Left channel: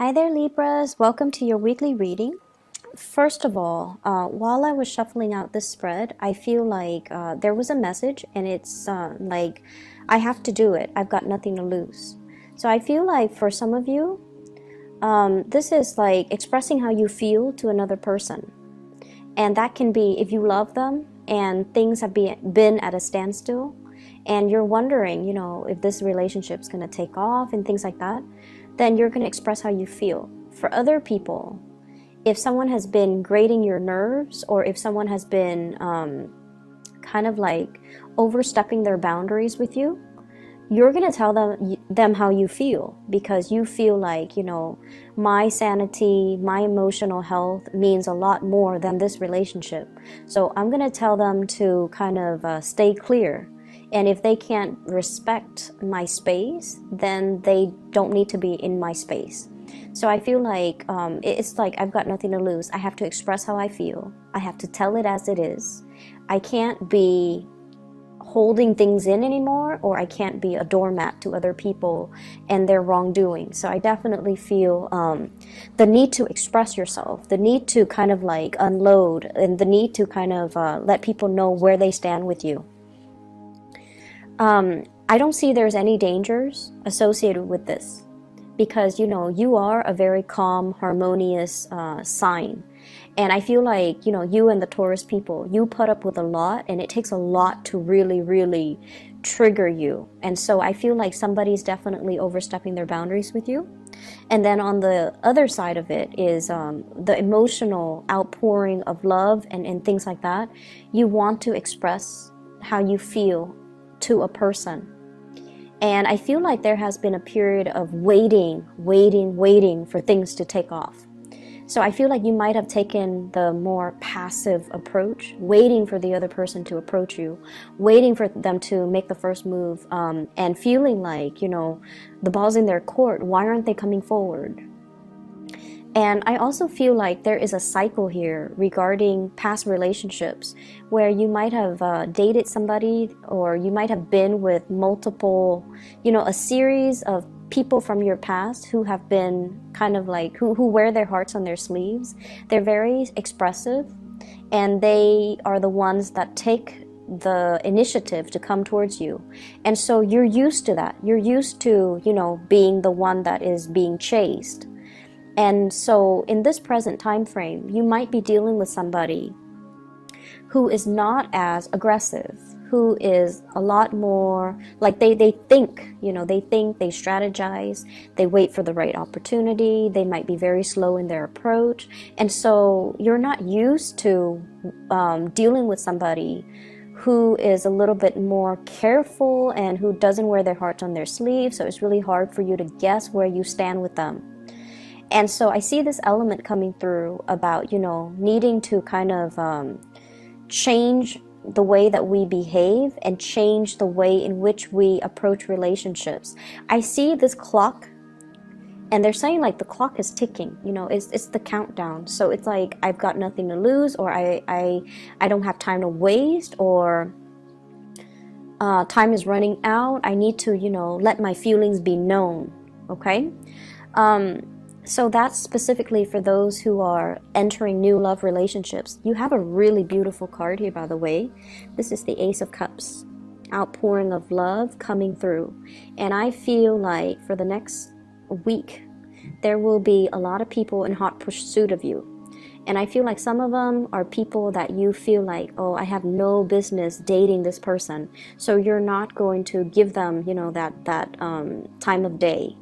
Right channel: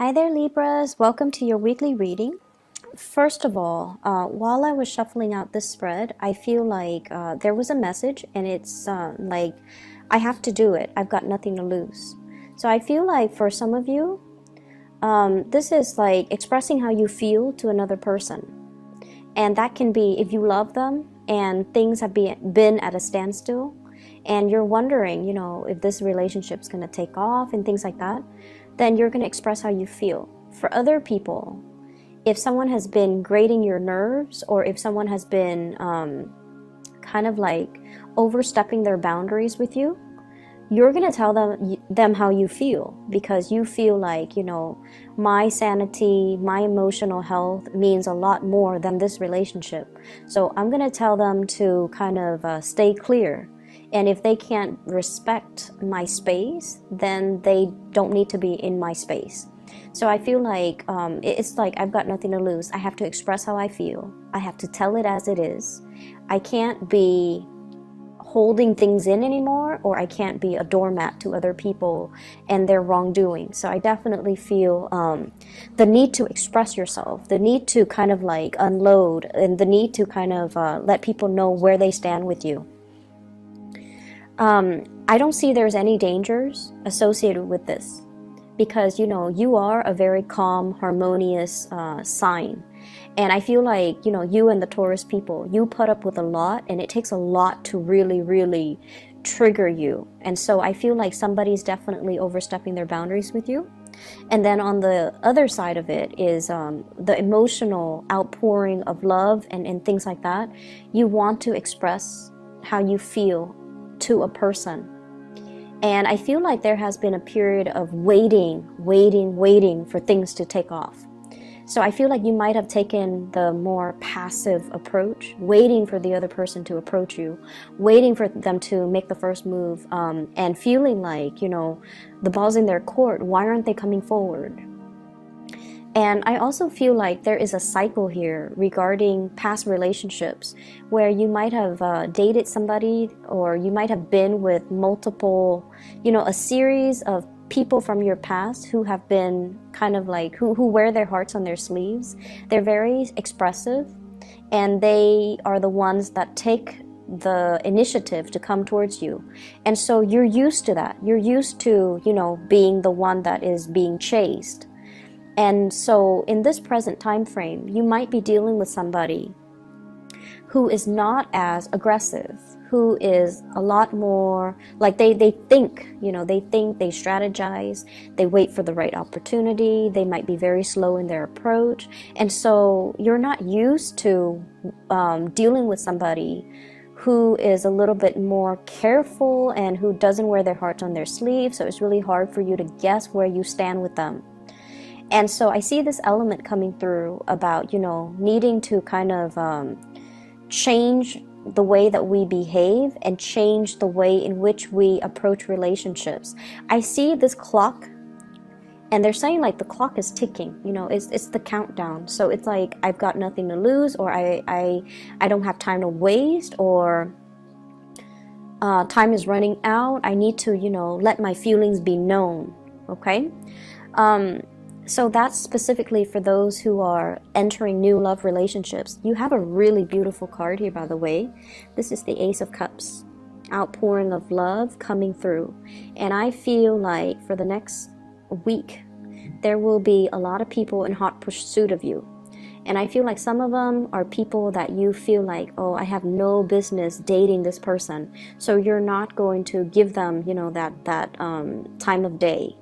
Hi there, Libras. Welcome to your weekly reading. First of all, while I was shuffling out this spread, I feel like there was a message, and it's like I have to do it. I've got nothing to lose. So I feel like for some of you, this is like expressing how you feel to another person. And that can be if you love them and things have been at a standstill and you're wondering, if this relationship's going to take off and things like that, then you're going to express how you feel. For other people, if someone has been grating your nerves or if someone has been kind of like overstepping their boundaries with you, you're going to tell them how you feel, because you feel like, my sanity, my emotional health means a lot more than this relationship. So I'm going to tell them to kind of stay clear. And if they can't respect my space, then they don't need to be in my space. So I feel like it's like I've got nothing to lose. I have to express how I feel. I have to tell it as it is. I can't be holding things in anymore, or I can't be a doormat to other people and their wrongdoing. So I definitely feel the need to express yourself, the need to kind of like unload, and the need to kind of let people know where they stand with you. I don't see there's any dangers associated with this, because you are a very calm, harmonious sign. And I feel like, you and the Taurus people, you put up with a lot, and it takes a lot to really, really trigger you. And so I feel like somebody's definitely overstepping their boundaries with you. And then on the other side of it is the emotional outpouring of love and things like that. You want to express how you feel to a person. And I feel like there has been a period of waiting for things to take off. So I feel like you might have taken the more passive approach, waiting for the other person to approach you, waiting for them to make the first move, and feeling like, the ball's in their court. Why aren't they coming forward? And I also feel like there is a cycle here regarding past relationships where you might have dated somebody, or you might have been with multiple, a series of people from your past who have been kind of like, who wear their hearts on their sleeves. They're very expressive, and they are the ones that take the initiative to come towards you. And so you're used to that. You're used to, being the one that is being chased. And so in this present time frame, you might be dealing with somebody who is not as aggressive, who is a lot more like they think, they strategize, they wait for the right opportunity, they might be very slow in their approach. And so you're not used to dealing with somebody who is a little bit more careful and who doesn't wear their heart on their sleeve. So it's really hard for you to guess where you stand with them. And so I see this element coming through about, needing to kind of change the way that we behave and change the way in which we approach relationships. I see this clock, and they're saying like the clock is ticking, it's the countdown. So it's like I've got nothing to lose, or I don't have time to waste, or time is running out. I need to, let my feelings be known. Okay. So that's specifically for those who are entering new love relationships. You have a really beautiful card here, by the way. This is the Ace of Cups, outpouring of love coming through. And I feel like for the next week, there will be a lot of people in hot pursuit of you. And I feel like some of them are people that you feel like, oh, I have no business dating this person. So you're not going to give them, that time of day.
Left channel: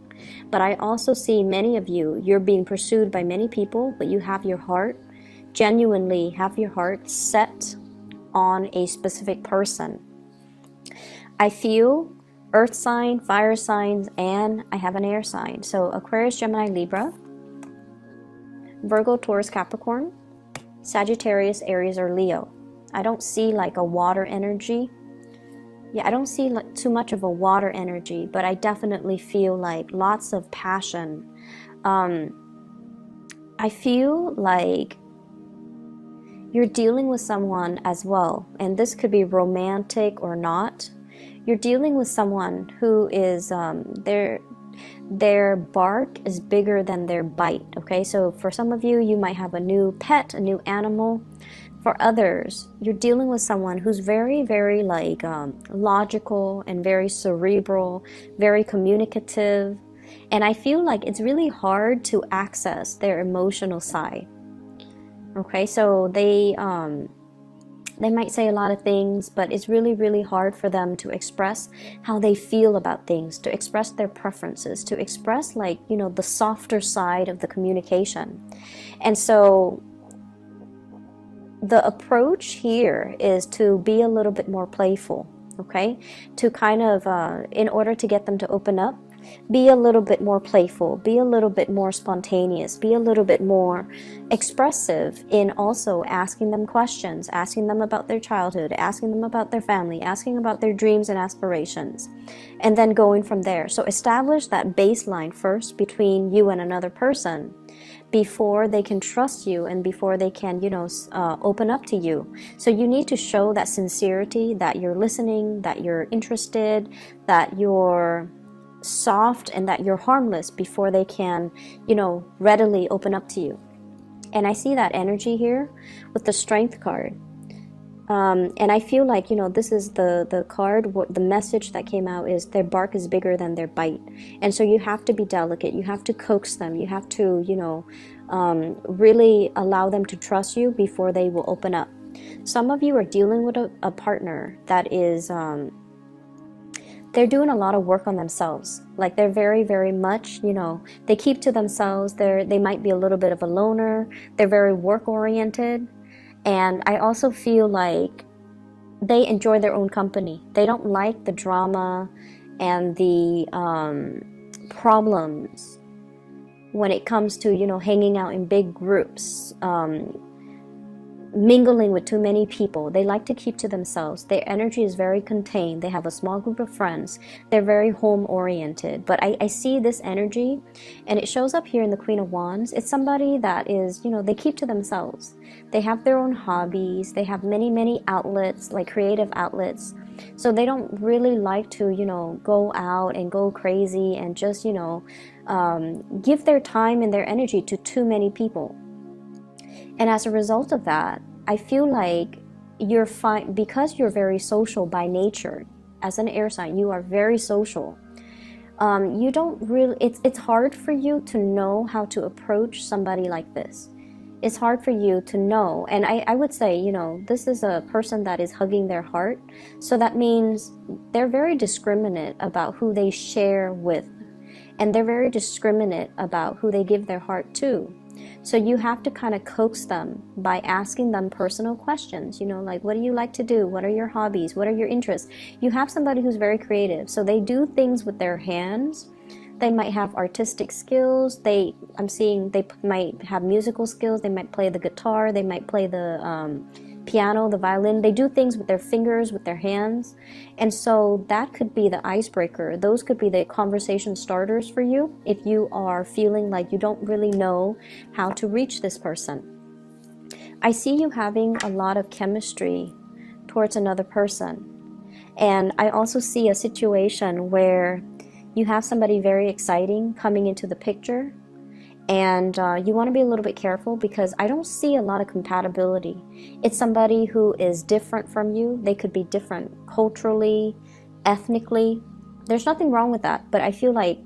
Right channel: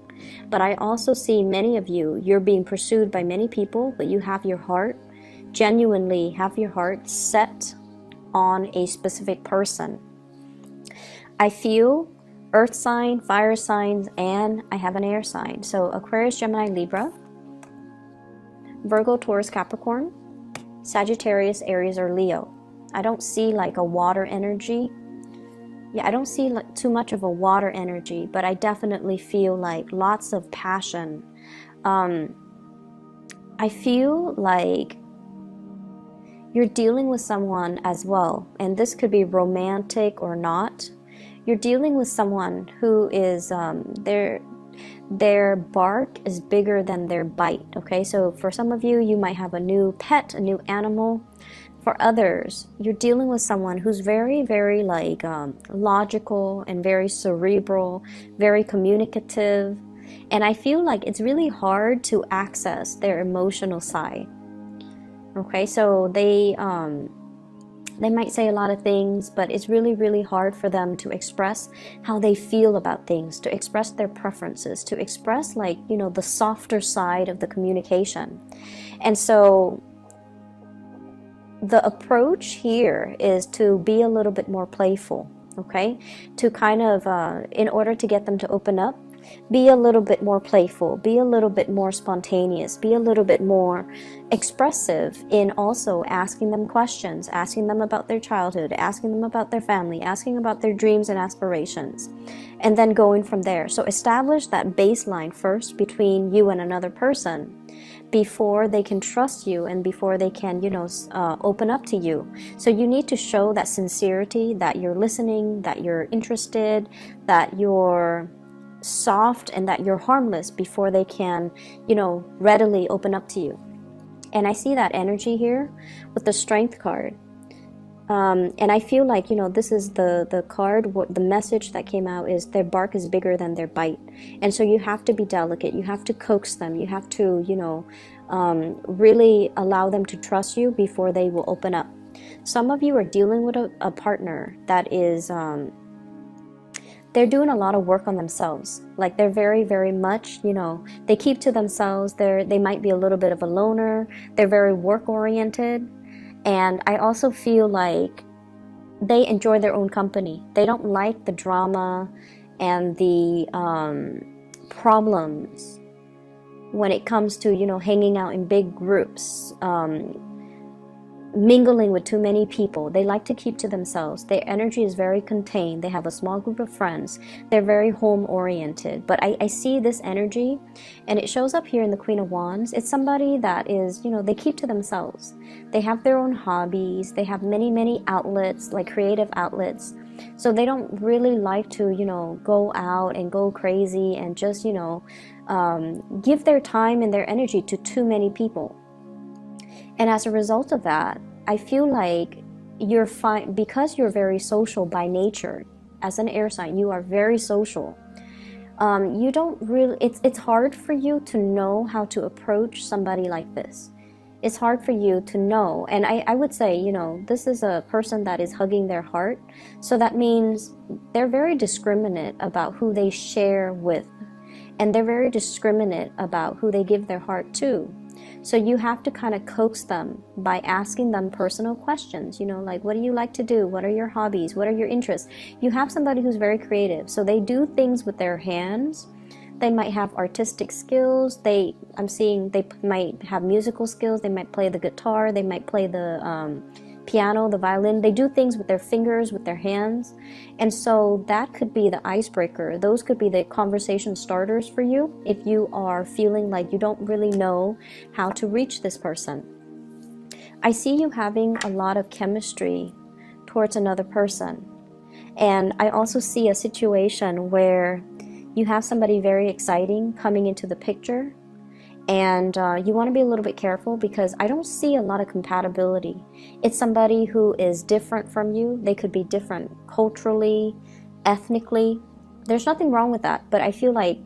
But I also see many of you, you're being pursued by many people, but you have your heart, genuinely have your heart set on a specific person. I feel earth sign, fire signs, and I have an air sign. So Aquarius, Gemini, Libra, Virgo, Taurus, Capricorn, Sagittarius, Aries, or Leo. I don't see like a water energy. Yeah, I don't see too much of a water energy, but I definitely feel like lots of passion. I feel like you're dealing with someone as well, and this could be romantic or not. You're dealing with someone who is, Their bark is bigger than their bite, okay? So for some of you, you might have a new pet, a new animal. For others, you're dealing with someone who's very, very like logical and very cerebral, very communicative. And I feel like it's really hard to access their emotional side. Okay, so they might say a lot of things, but it's really, really hard for them to express how they feel about things, to express their preferences, to express like, you know, the softer side of the communication. And so the approach here is to be a little bit more playful, okay? To kind of, in order to get them to open up, be a little bit more playful, be a little bit more spontaneous, be a little bit more expressive in also asking them questions, asking them about their childhood, asking them about their family, asking about their dreams and aspirations, and then going from there. So establish that baseline first between you and another person before they can trust you and before they can, you know, open up to you. So you need to show that sincerity, that you're listening, that you're interested, that you're soft, and that you're harmless before they can, you know, readily open up to you. And I see that energy here with the Strength card. And I feel like, you know, this is the card, what the message that came out is their bark is bigger than their bite. And so you have to be delicate, you have to coax them, you have to, you know, really allow them to trust you before they will open up. Some of you are dealing with a partner that is, they're doing a lot of work on themselves. Like they're very, very much, you know, they keep to themselves. They might be a little bit of a loner. They're very work oriented. And I also feel like they enjoy their own company. They don't like the drama and the problems when it comes to, you know, hanging out in big groups, mingling with too many people. They like to keep to themselves. Their energy is very contained. They have a small group of friends. They're very home oriented. But I see this energy, and it shows up here in the Queen of Wands. It's somebody that is, you know, they keep to themselves. They have their own hobbies. They have many, many outlets, like creative outlets. So they don't really like to, you know, go out and go crazy and just, you know, give their time and their energy to too many people. And as a result of that, I feel like you're fine because you're very social by nature. As an air sign, you are very social. You don't really, it's hard for you to know how to approach somebody like this. It's hard for you to know. And I would say, you know, this is a person that is hugging their heart. So that means they're very discriminate about who they share with. And they're very discriminate about who they give their heart to. So you have to kind of coax them by asking them personal questions, you know, like, what do you like to do? What are your hobbies? What are your interests? You have somebody who's very creative. So they do things with their hands. They might have artistic skills. I'm seeing they might have musical skills. They might play the guitar. They might play the piano, the violin. They do things with their fingers, with their hands. And so that could be the icebreaker. Those could be the conversation starters for you if you are feeling like you don't really know how to reach this person. I see you having a lot of chemistry towards another person. And I also see a situation where you have somebody very exciting coming into the picture. And you want to be a little bit careful because I don't see a lot of compatibility. It's somebody who is different from you. They could be different culturally, ethnically. There's nothing wrong with that. But I feel like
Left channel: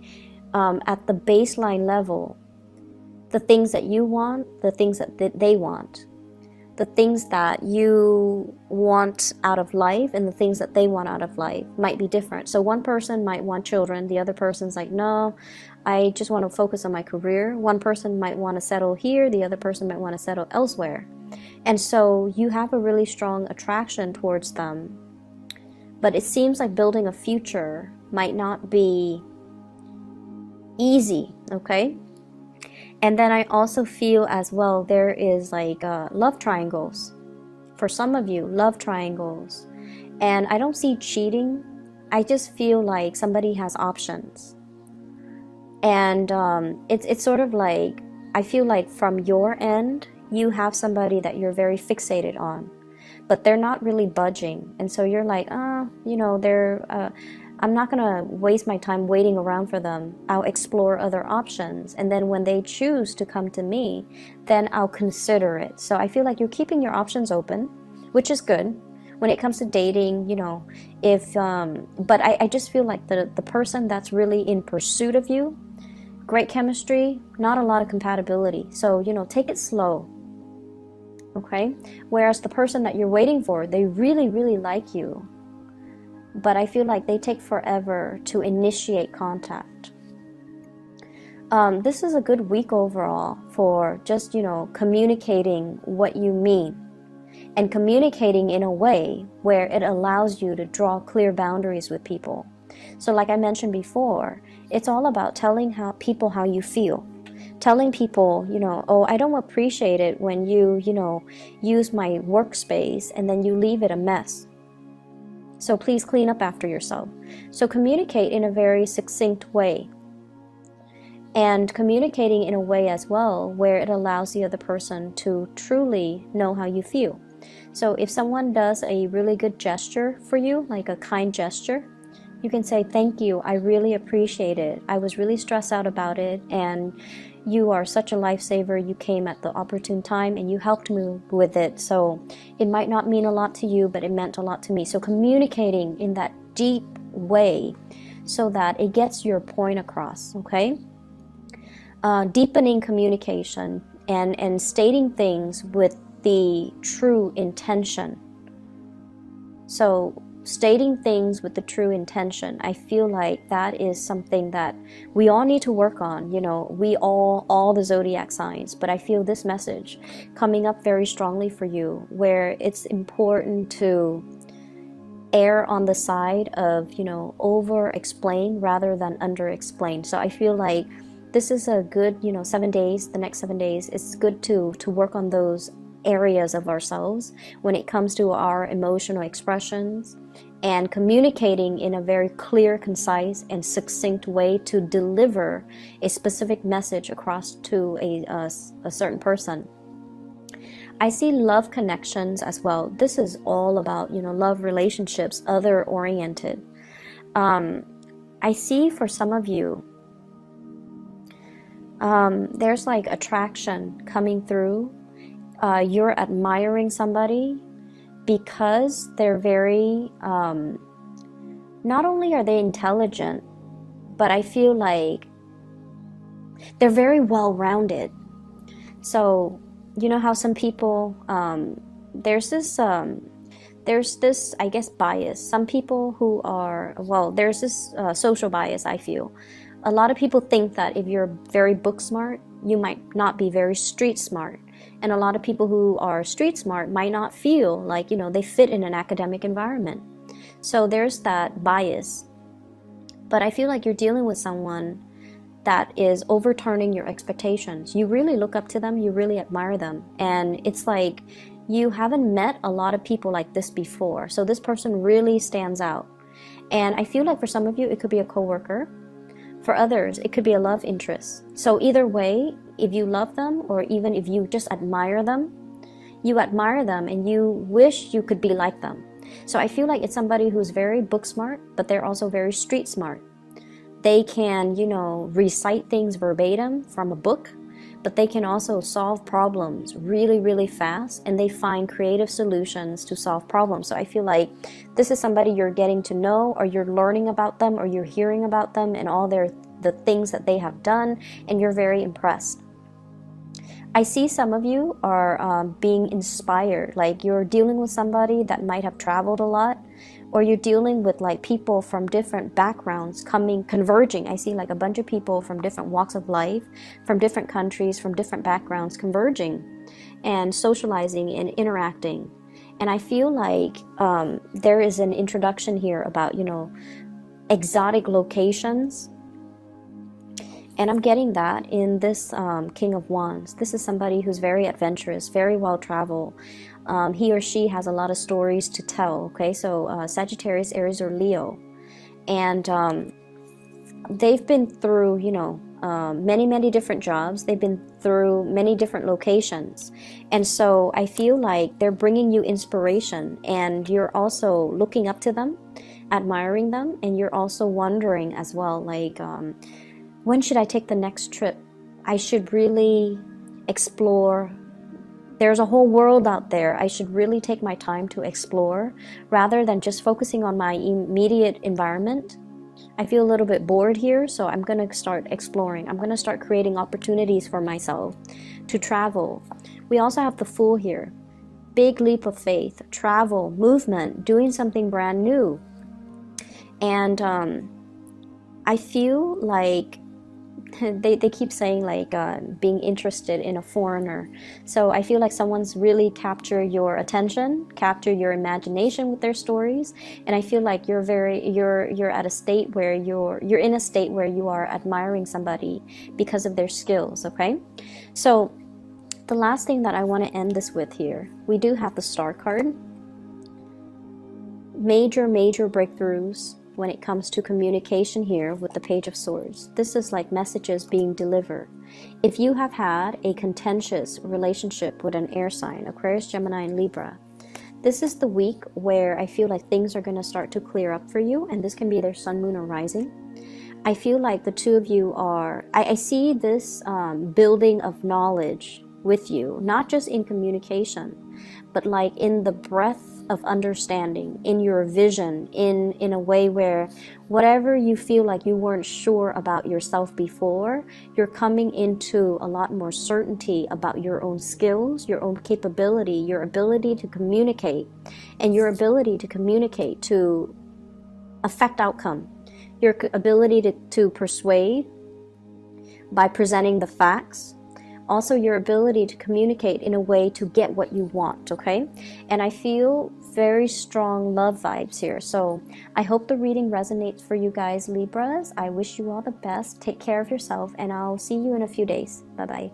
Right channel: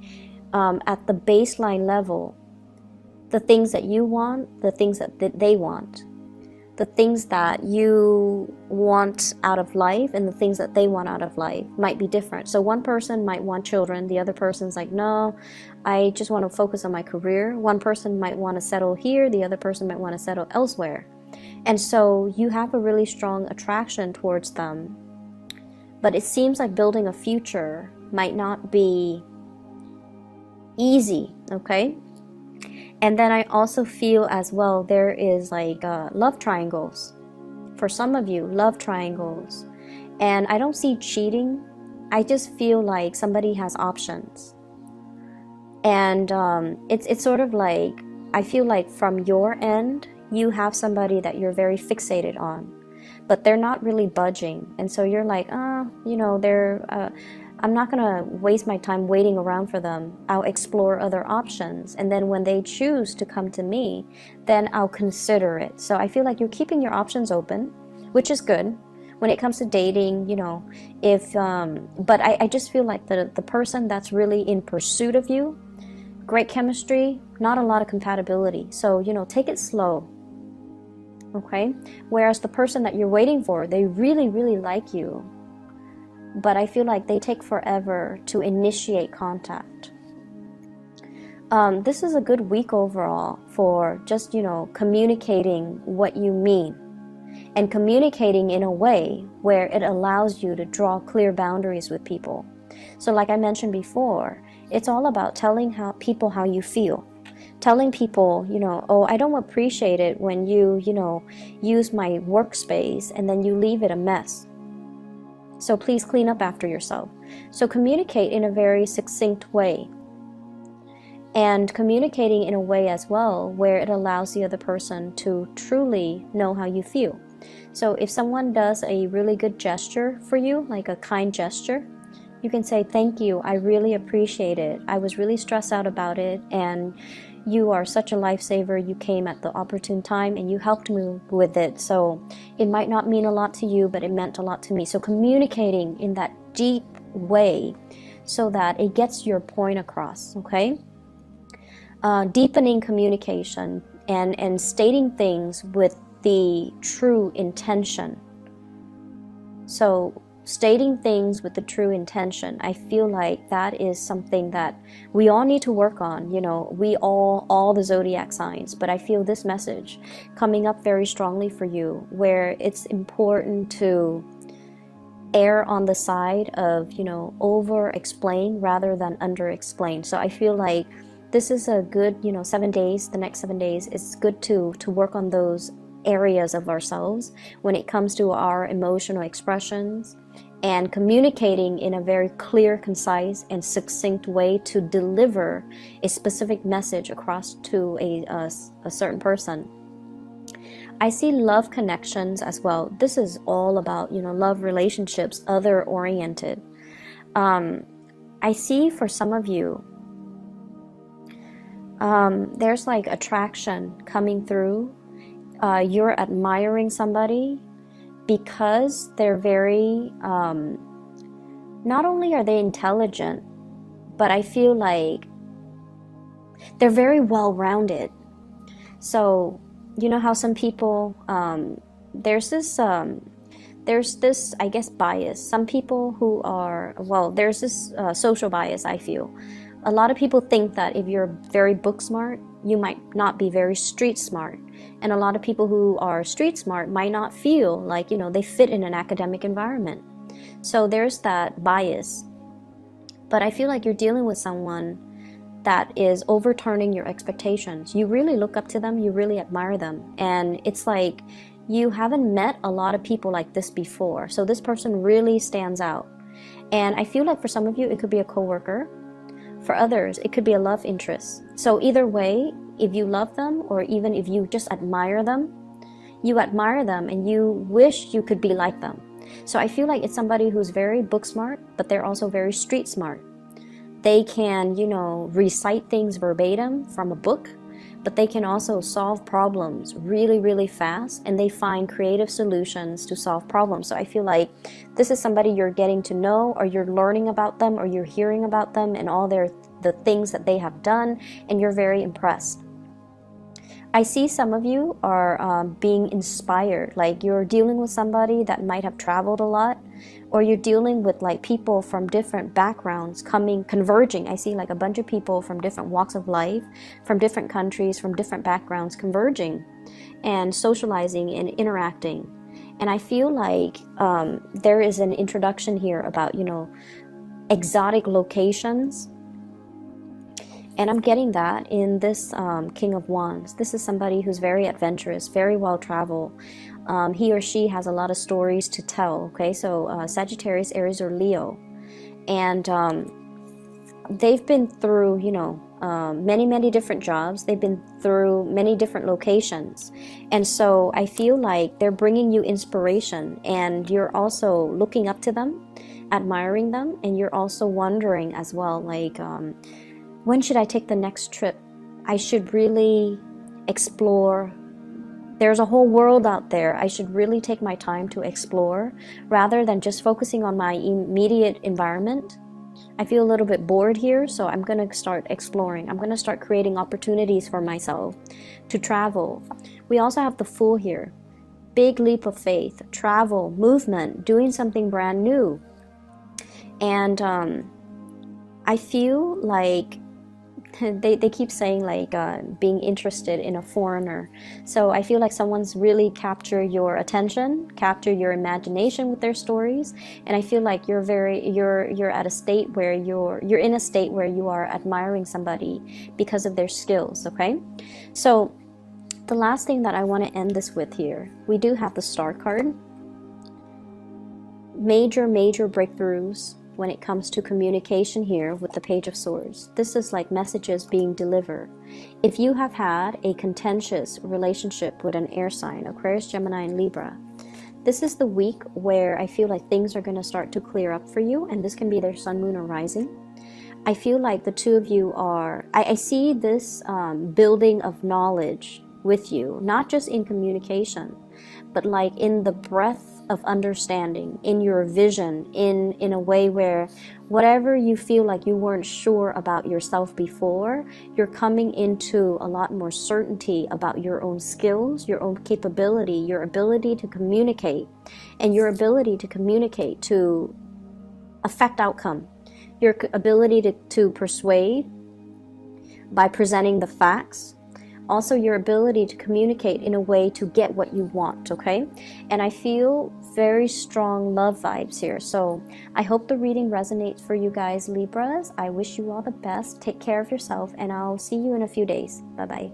at the baseline level, the things that you want, the things that they want, the things that you want out of life and the things that they want out of life might be different. So one person might want children. The other person's like, no, I just want to focus on my career. One person might want to settle here. The other person might want to settle elsewhere. And so you have a really strong attraction towards them. But it seems like building a future might not be easy, okay? And then I also feel as well there is like love triangles. For some of you, love triangles. And I don't see cheating. I just feel like somebody has options. And it's sort of like, I feel like from your end, you have somebody that you're very fixated on. But they're not really budging. And so you're like, you know, they're I'm not going to waste my time waiting around for them. I'll explore other options. And then when they choose to come to me, then I'll consider it. So I feel like you're keeping your options open, which is good. When it comes to dating, you know, but I just feel like the person that's really in pursuit of you, great chemistry, not a lot of compatibility. So, you know, take it slow. Okay? Whereas the person that you're waiting for, they really, really like you. But I feel like they take forever to initiate contact. This is a good week overall for just, you know, communicating what you mean. And communicating in a way where it allows you to draw clear boundaries with people. So like I mentioned before, it's all about telling people how you feel. Telling people, you know, oh, I don't appreciate it when you know, use my workspace and then you leave it a mess. So please clean up after yourself. So communicate in a very succinct way. And communicating in a way as well where it allows the other person to truly know how you feel. So if someone does a really good gesture for you, like a kind gesture, you can say, thank you, I really appreciate it. I was really stressed out about it, and you are such a lifesaver. You came at the opportune time and you helped me with it. So it might not mean a lot to you, but it meant a lot to me. So communicating in that deep way so that it gets your point across, okay? Deepening communication and stating things with the true intention. So stating things with the true intention, I feel like that is something that we all need to work on. You know, we all the zodiac signs, but I feel this message coming up very strongly for you, where it's important to err on the side of, you know, over explain rather than under explain. So I feel like this is a good, you know, 7 days, the next 7 days, it's good to work on those areas of ourselves when it comes to our emotional expressions and communicating in a very clear, concise, and succinct way to deliver a specific message across to a certain person. I see love connections as well. This is all about, you know, love relationships, other oriented. I see for some of you, there's like attraction coming through. You're admiring somebody because they're very, not only are they intelligent, but I feel like they're very well-rounded. So, you know how some people, there's this, I guess, bias. Some people who are, well, there's this social bias, I feel. A lot of people think that if you're very book smart, you might not be very street smart. And a lot of people who are street smart might not feel like, you know, they fit in an academic environment. So there's that bias. But I feel like you're dealing with someone that is overturning your expectations. You really look up to them, you really admire them. And it's like you haven't met a lot of people like this before. So this person really stands out. And I feel like for some of you, it could be a coworker. For others, it could be a love interest. So either way, if you love them or even if you just admire them and you wish you could be like them. So I feel like it's somebody who's very book smart, but they're also very street smart. They can, you know, recite things verbatim from a book, but they can also solve problems really, really fast, and they find creative solutions to solve problems. So I feel like this is somebody you're getting to know, or you're learning about them, or you're hearing about them and all the things that they have done, and you're very impressed. I see some of you are being inspired, like you're dealing with somebody that might have traveled a lot, or you're dealing with like people from different backgrounds converging. I see like a bunch of people from different walks of life, from different countries, from different backgrounds converging and socializing and interacting. And I feel like there is an introduction here about, you know, exotic locations. And I'm getting that in this King of Wands. This is somebody who's very adventurous, very well-traveled. He or she has a lot of stories to tell, okay? So Sagittarius, Aries, or Leo. And they've been through, you know, many, many different jobs. They've been through many different locations. And so I feel like they're bringing you inspiration, and you're also looking up to them. admiring them, and you're also wondering as well, like, when should I take the next trip? I should really explore. There's a whole world out there. I should really take my time to explore rather than just focusing on my immediate environment. I feel a little bit bored here, so I'm going to start exploring. I'm going to start creating opportunities for myself to travel. We also have the Fool here. Big leap of faith, travel, movement, doing something brand new. And I feel like they keep saying like being interested in a foreigner. So I feel like someone's really captured your attention, captured your imagination with their stories, and I feel like you're at a state where you're in a state where you are admiring somebody because of their skills. Okay, so the last thing that I want to end this with here, we do have the Star card. Major breakthroughs when it comes to communication here with the Page of Swords. This is like messages being delivered. If you have had a contentious relationship with an air sign, Aquarius, Gemini, and Libra, this is the week where I feel like things are going to start to clear up for you, and this can be their sun, moon, or rising. I feel like the two of you are, I see this building of knowledge with you, not just in communication, but like in the breadth of understanding, in your vision, in a way where whatever you feel like you weren't sure about yourself before, you're coming into a lot more certainty about your own skills, your own capability, your ability to communicate, and your ability to communicate to affect outcome, your ability to persuade by presenting the facts. Also, your ability to communicate in a way to get what you want, okay? And I feel very strong love vibes here. So I hope the reading resonates for you guys, Libras. I wish you all the best. Take care of yourself, and I'll see you in a few days. Bye-bye.